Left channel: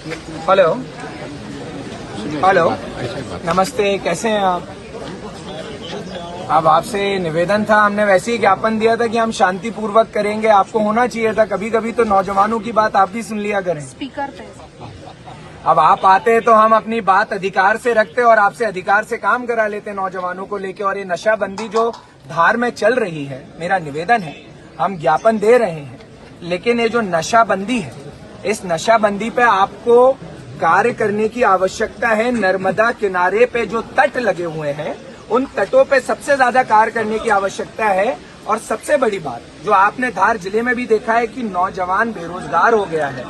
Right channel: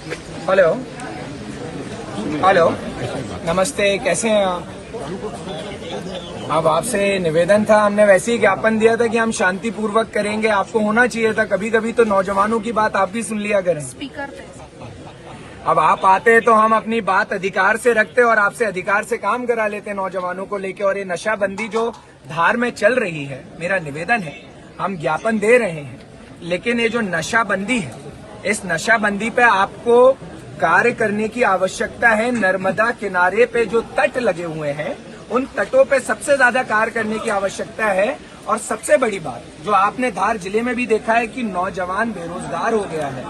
Hello hello, नमस्ते, कैसे हैं आप? अब आपसे निवेदन था, हमने वैसे ही ज्ञापन दिया था कि हम शांतिपूर्वक करेंगे। आपको होना चाहिए था, कभी कभी तो नौजवानों की बात आप भी सुन लिया करें। अब आप आते तो हम अपनी बात अधिकार से रखते और आपसे अधिकार से काम करा लेते नौजवानों को लेके। और ये नशाबंदी जो धार में चल रही है, मेरा निवेदन है, हम ज्ञापन दे रहे हैं, लेकिन ये जो नशाबंदी है, इस नशाबंदी पे आपको कार्य करने की आवश्यकता है। नर्मदा किनारे पे जो तट लगे हुए हैं, उन तटों पे सबसे ज्यादा कार्य करने की आवश्यकता है। और सबसे बड़ी बात जो आपने धार जिले में भी देखा है कि नौजवान बेरोजगार हो गया है,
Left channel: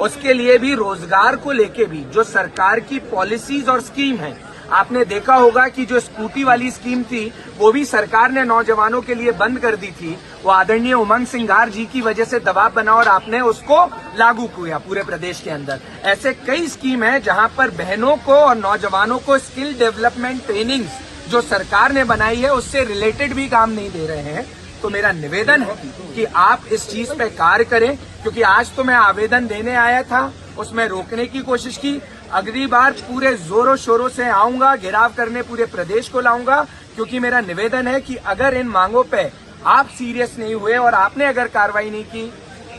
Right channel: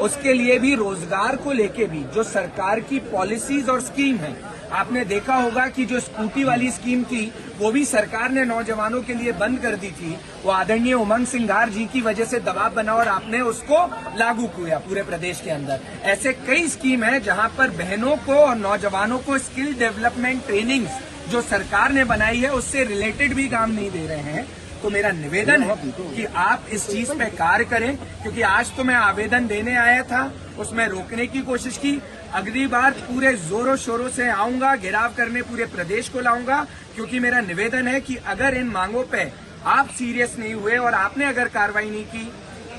उसके लिए भी रोजगार को लेके भी जो सरकार की पॉलिसीज और स्कीम है, आपने देखा होगा कि जो स्कूटी वाली स्कीम थी वो भी सरकार ने नौजवानों के लिए बंद कर दी थी। वो आदरणीय उमंग सिंघार जी की वजह से दबाव बना और आपने उसको लागू किया पूरे प्रदेश के अंदर। ऐसे कई स्कीम है जहां पर बहनों को और नौजवानों को स्किल डेवलपमेंट ट्रेनिंग जो सरकार ने बनाई है उससे रिलेटेड भी काम नहीं दे रहे हैं। तो मेरा निवेदन है कि आप इस चीज पे कार्य करें, क्योंकि आज तो मैं आवेदन देने आया था, उसमें रोकने की कोशिश की। अगली बार पूरे जोरों शोरों से आऊंगा, घेराव करने पूरे प्रदेश को लाऊंगा, क्योंकि मेरा निवेदन है कि अगर इन मांगों पे आप सीरियस नहीं हुए और आपने अगर कार्रवाई नहीं की,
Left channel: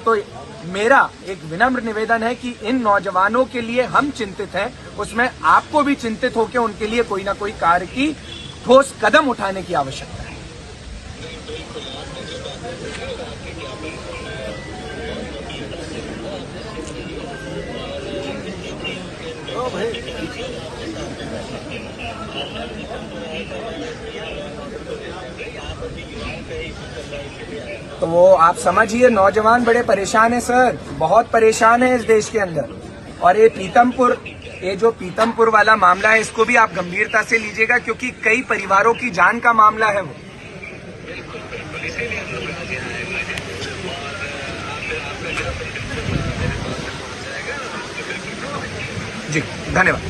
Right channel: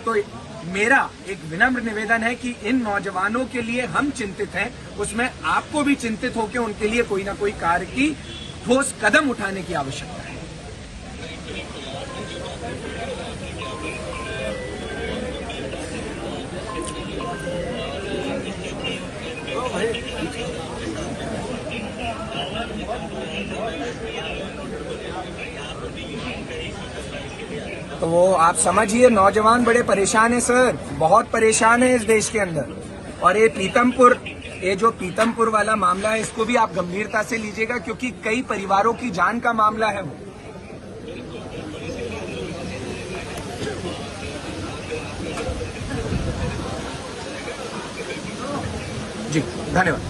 तो मेरा एक विनम्र निवेदन है कि इन नौजवानों के लिए हम चिंतित हैं, उसमें आपको भी चिंतित होकर उनके लिए कोई ना कोई कार्य की ठोस कदम उठाने की आवश्यकता है। तो वो आप समझिए, नौजवान बड़े परेशान हैं सर, बहुत परेशान है इस देश के अंदर। और ये जो पीतमपुर वाला मामला है, इसको भी आप गंभीरता से लीजिएगा, क्योंकि कई परिवारों की जान का मामला है वो। जी धन्यवाद।